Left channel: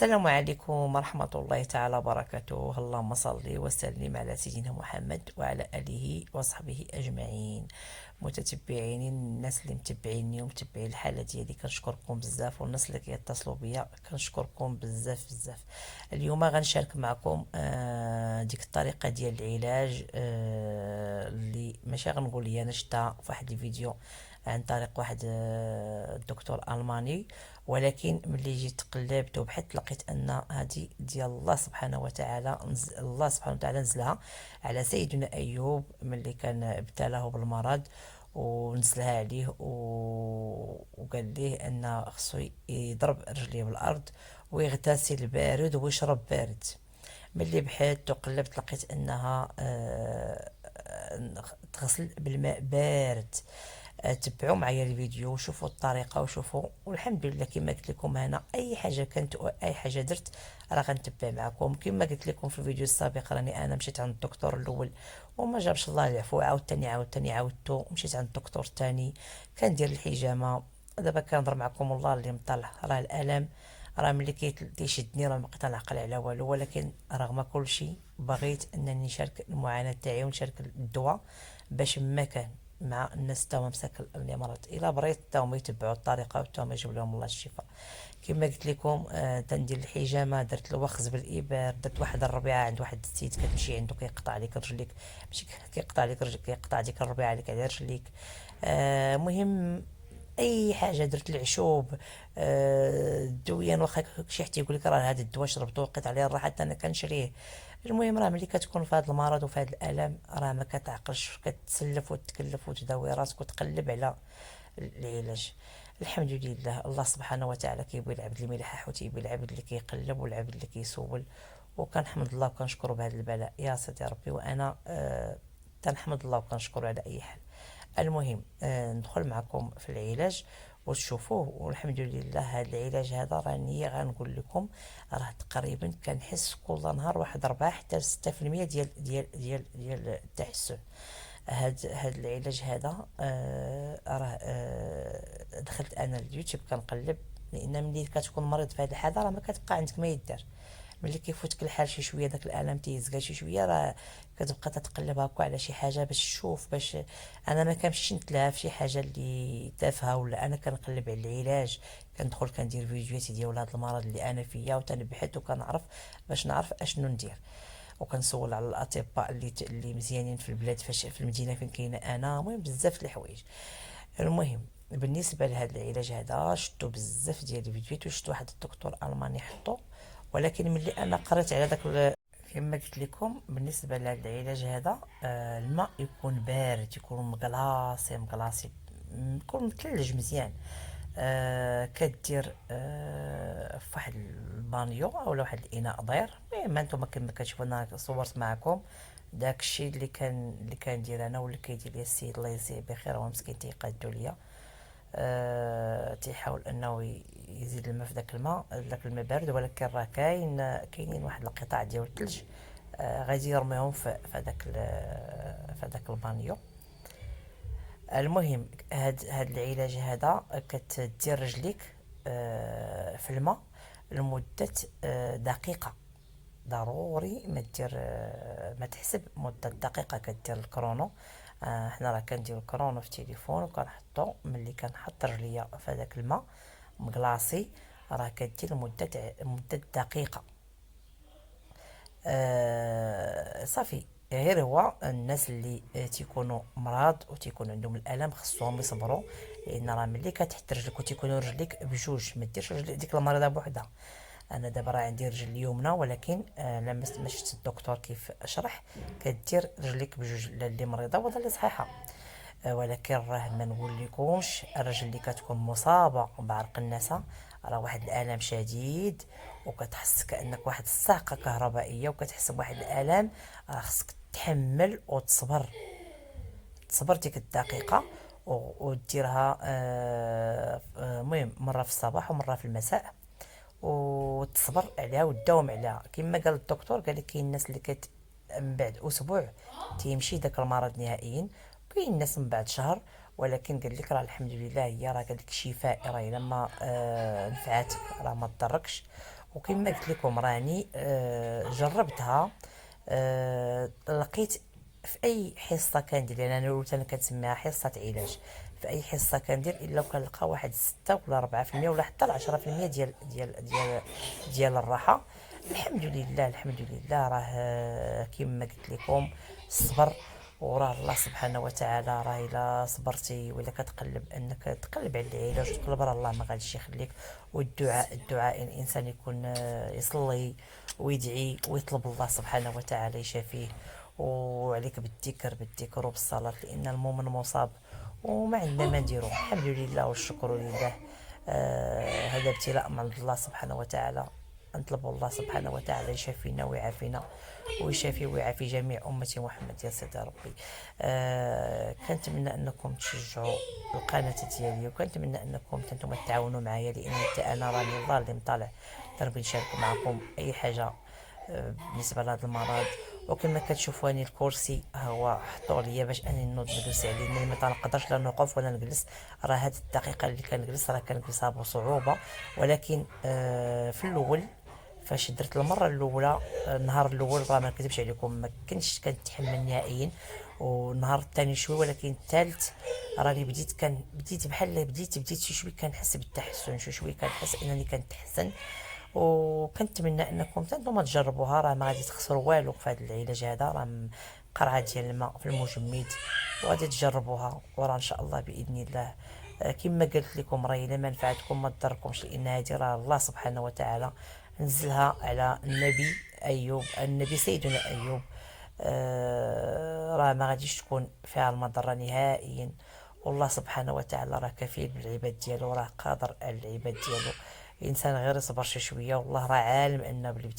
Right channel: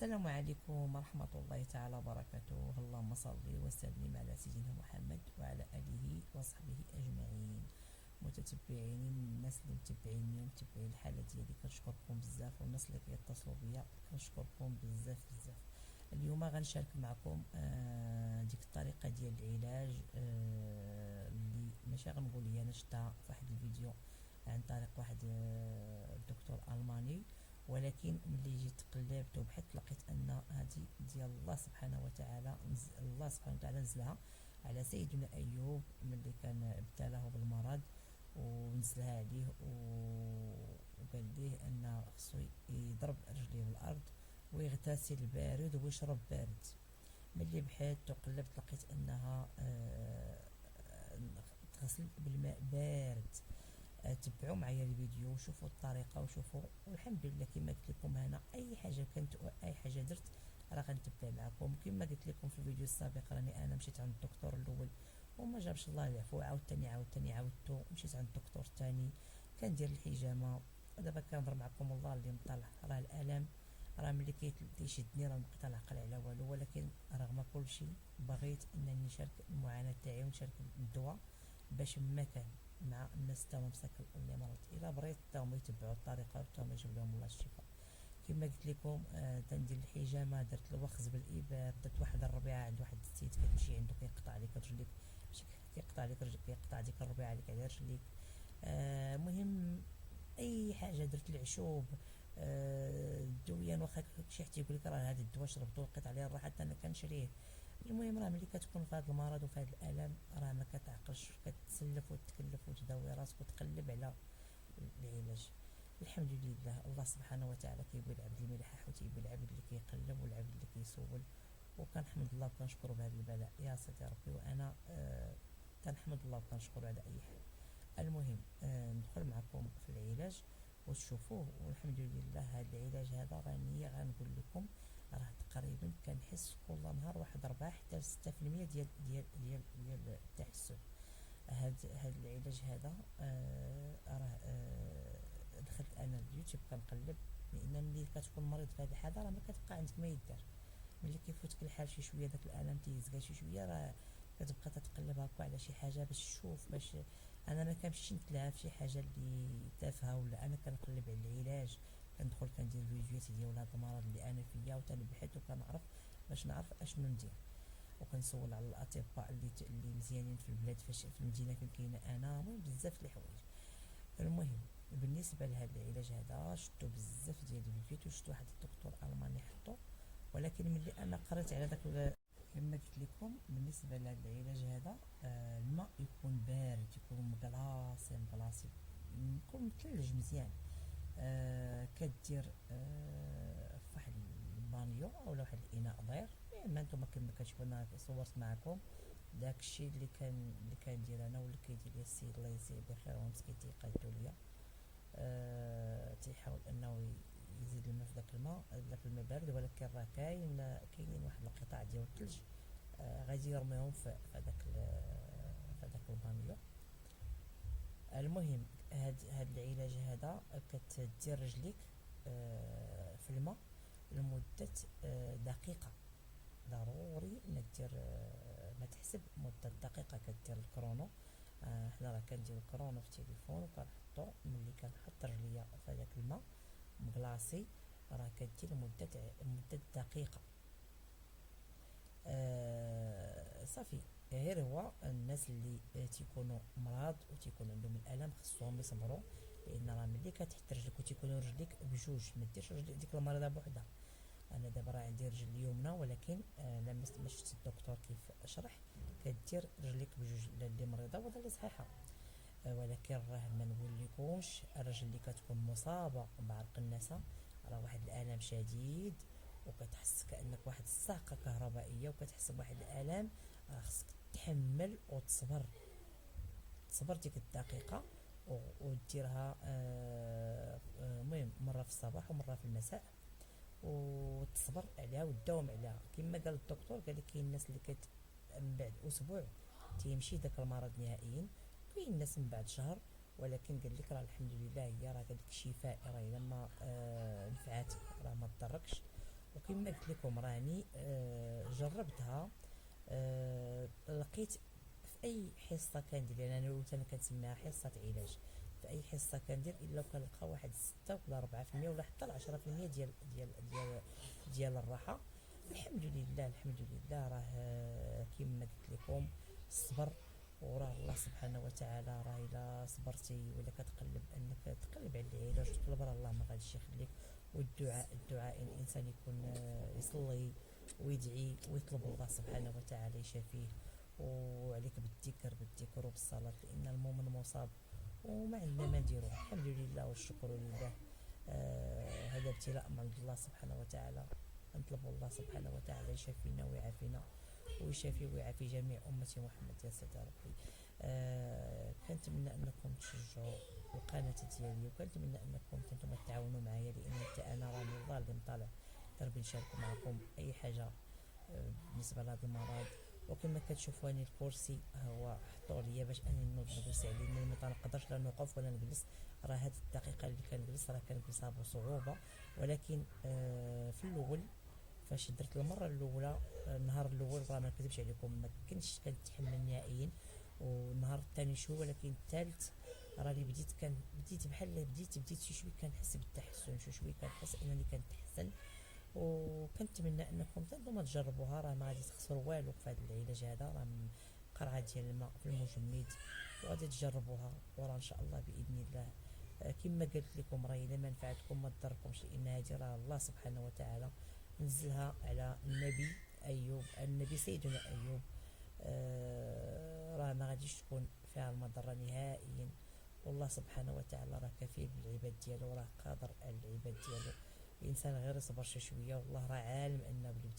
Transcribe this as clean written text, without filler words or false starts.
السلام عليكم ورحمة الله تعالى وبركاته. اللهم صل وسلم على سيدنا محمد وعلى آله وصحبه أجمعين. متتبعين الناس اللي متبعيني ومتبعين الحالة ديالي كنشكركم بزاف، والناس اللي كيتصلوا بيا كنشكركم بزاف بزاف. اليوم غنشارك معكم ديك الطريقة ديال العلاج اللي ماشي غنقول لي انا شفتها في واحد الفيديو عن طريق واحد الدكتور ألماني، ولكن ملي جيت قلبت وبحثت لقيت ان هذه ديال الله سبحانه وتعالى. الله سبحانه وتعالى نزلها على سيدنا ايوب ملي كان ابتلاه بالمرض، ونزلها عليه وقال ليه ان خصو يضرب رجليه بالارض ويغتسل بارد ويشرب بارد. ملي بحثت وقلبت لقيت انها تغسل بالماء بارد. تبعوا معايا الفيديو وشوفوا الطريقه وشوفوا، والحمد لله كما قلت لكم هنا اي حاجه كانت اي حاجه درت راه غنتبع معكم. كما قلت لكم في الفيديو السابق راني انا مشيت عند الدكتور الاول وما جابش الله العفو، عاوتاني عاودتو مشيت عند الدكتور الثاني كندير الحجامه. دابا كنهضر معكم والله اللي مطلع، راه الالم راه ملي كيشدني راه مبقيت نعقل على والو، ولكن رغم كل شيء بغيت انني نشارك المعاناه تاعي ونشارك الدواء باش ما كان مع الناس تاهما مساك اللي مرض الا بريت تاهما يتبعوا الطريقه وتاهما يجيب لهم الله الشفاء. كما قلت لكم تندير الحجامه، درت الوخز بالابر، درت واحد الربيعه عند واحد السيد كتمشي عنده كيقطع عليك رجليك، ماشي كيقطع عليك رجليك، كيقطع ديك الربيعه عليك على رجليك. مهم اي حاجه درت العشوب. الدويان واخا شي حتى يقول لك راه هذا الدواء شربته وقيت عليه الراحه حتى انا كنشريه. المهم راه ملي كتكون في هذا المرض وفي هذا الالم راه ما كتعقلش، كتسلف وتكلف وتداوي راسك وتقلب على العلاج. الحمد لله الله سبحانه وتعالى كيبغي العبد اللي مليح وتيبغي العبد اللي كيقلب والعبد اللي كيسول. وكنحمد الله وكنشكره بهذا البلاء يا سيدي ربي، وانا تنحمد الله وكنشكره على اي حال. المهم ندخل معكم في العلاج وتشوفوه. والحمد لله هذا العلاج هذا راني غنقول لكم راه تقريبا كنحس كل نهار واحد 4 حتى 6% ديال التحسن. هاد العلاج هذا راه دخلت انا اليوتيوب كنقلب، لان ملي كتكون مريض في هذه الحاله راه ما كتبقى عندك ما يدار. ملي كيفوتك الحال شي شويه داك الالم تيزكا شي شويه راه كتبقى تتقلب هكا على شي حاجه باش تشوف باش. انا ما كنمشيش نتلهى في شي حاجه اللي تافهه، ولا انا كنقلب على العلاج، كندخل كندير فيديوهات ديال هذا المرض اللي انا فيا وتنبحث وكنعرف باش نعرف اشنو ندير. وكنسول على الاطباء اللي مزيانين في البلاد فاش في المدينه فين كاينه انا. المهم بزاف د الحوايج. المهم بالنسبه لهذا العلاج هذا شفتو بزاف ديال الفيديوهات وشفت واحد الدكتور الماني حطو، ولكن ملي انا قريت على داك كما قلت لكم بالنسبه لهذا العلاج هذا الماء يكون بارد، يكون مغلاصي يكون مثلج مزيان. كدير في واحد البانيو او واحد الاناء ضير. المهم انتم كما كتشوفوا انا صورت معكم داك الشيء اللي كندير انا واللي كيدير لي السيد الله يجزيه بخير، هو مسكين تيقادو ليا. تيحاول انه يزيد الماء في داك الماء بارد، ولكن راه كاينين واحد القطع ديال الثلج غادي يرميهم في هذاك البانيو. المهم هاد العلاج هذا كتدير رجليك في الماء لمدة دقيقة. ضروري ما دير ما تحسب مدة دقيقة، كدير الكرونو. حنا راه كندير الكرونو في التليفون وكنحطو ملي كنحط رجليا في هذاك الماء مغلاصي راه كدير مدة دقيقة. صافي. غير هو الناس اللي تيكونوا مرض وتيكون عندهم الالم خصهم يصبروا، لان راه ملي كتحط رجلك وتيكونوا رجليك بجوج ما ديرش رجل ديك المريضه بوحدها. انا دابا راه عندي رجل اليمنى، ولكن لما شفت الدكتور كيف شرح كدير رجليك بجوج، لا اللي مريضه ولا اللي صحيحه. ولكن راه ما نقول لكمش الرجل اللي كتكون مصابه بعرق النسا راه واحد الالم شديد، وكتحس كانك واحد الصاعقه كهربائيه وكتحس بواحد الالم. راه خصك تحمل وتصبر، تصبر ديك الدقيقه وديرها. المهم مره في الصباح ومره في المساء، وتصبر عليها وتداوم عليها. كما قال الدكتور قال لك كاين الناس اللي من بعد اسبوع تيمشي داك المرض نهائيا، كاين الناس من بعد شهر. ولكن قال لك راه الحمد لله هي راه قال لك شفاء، راه الا ما نفعاتك راه ما تضركش. وكما قلت لكم راني جربتها. لقيت في اي حصه كندير، لان انا قلت انا كنسميها حصه علاج، في اي حصه كندير الا وكنلقى واحد 6 ولا 4% ولا حتى 10% ديال الراحه. الحمد لله الحمد لله. راه كما قلت لكم الصبر، وراه الله سبحانه وتعالى راه الا صبرتي ولا كتقلب انك تقلب على العلاج وتقلب، راه الله ما غاديش يخليك. والدعاء، الدعاء الانسان يكون يصلي ويدعي ويطلب الله سبحانه وتعالى يشافيه. وعليك بالذكر، بالذكر وبالصلاة، لأن المؤمن مصاب وما عندنا ما نديرو. الحمد لله والشكر لله. هذا ابتلاء من عند الله سبحانه وتعالى. نطلب الله سبحانه وتعالى يشافينا ويعافينا ويشافي ويعافي جميع أمة محمد يا سيدي ربي. كنتمنى أنكم تشجعوا القناة ديالي، وكنتمنى أنكم نتوما تعاونوا معايا، لأن أنا راني الله اللي مطالع نربي نشارك معكم أي حاجة بالنسبة لهذا المرض. وكما كتشوفوا اني الكرسي هو حطوه ليا باش اني نوض نجلس عليه، لاني ما تنقدرش لا نوقف ولا نجلس. راه هاد الدقيقه اللي كنجلس راه كنجلسها بصعوبه. ولكن في الاول فاش درت المره الاولى، النهار الاول راه ما نكذبش عليكم ما كنتش كنتحمل نهائيا، والنهار الثاني شوي، ولكن الثالث راني بديت بحال بديت شوي كنحس بالتحسن، شوي كنحس انني كنتحسن. وكنتمنى انكم نتوما تجربوها، راه ما غادي تخسروا والو في هذا العلاج هذا. راه قرعه ديال الماء في المجمد، وغادي تجربوها وراه ان شاء الله باذن الله. كما قلت لكم راه الا ما نفعتكم ما تضركمش، لان هذه راه الله سبحانه وتعالى نزلها على النبي ايوب، النبي سيدنا ايوب. راه ما غاديش تكون فيها المضره نهائيا. والله سبحانه وتعالى راه كفيل بالعباد ديالو، راه قادر على العباد ديالو. الانسان غير يصبر شي شويه، والله راه عالم ان بالابتلاء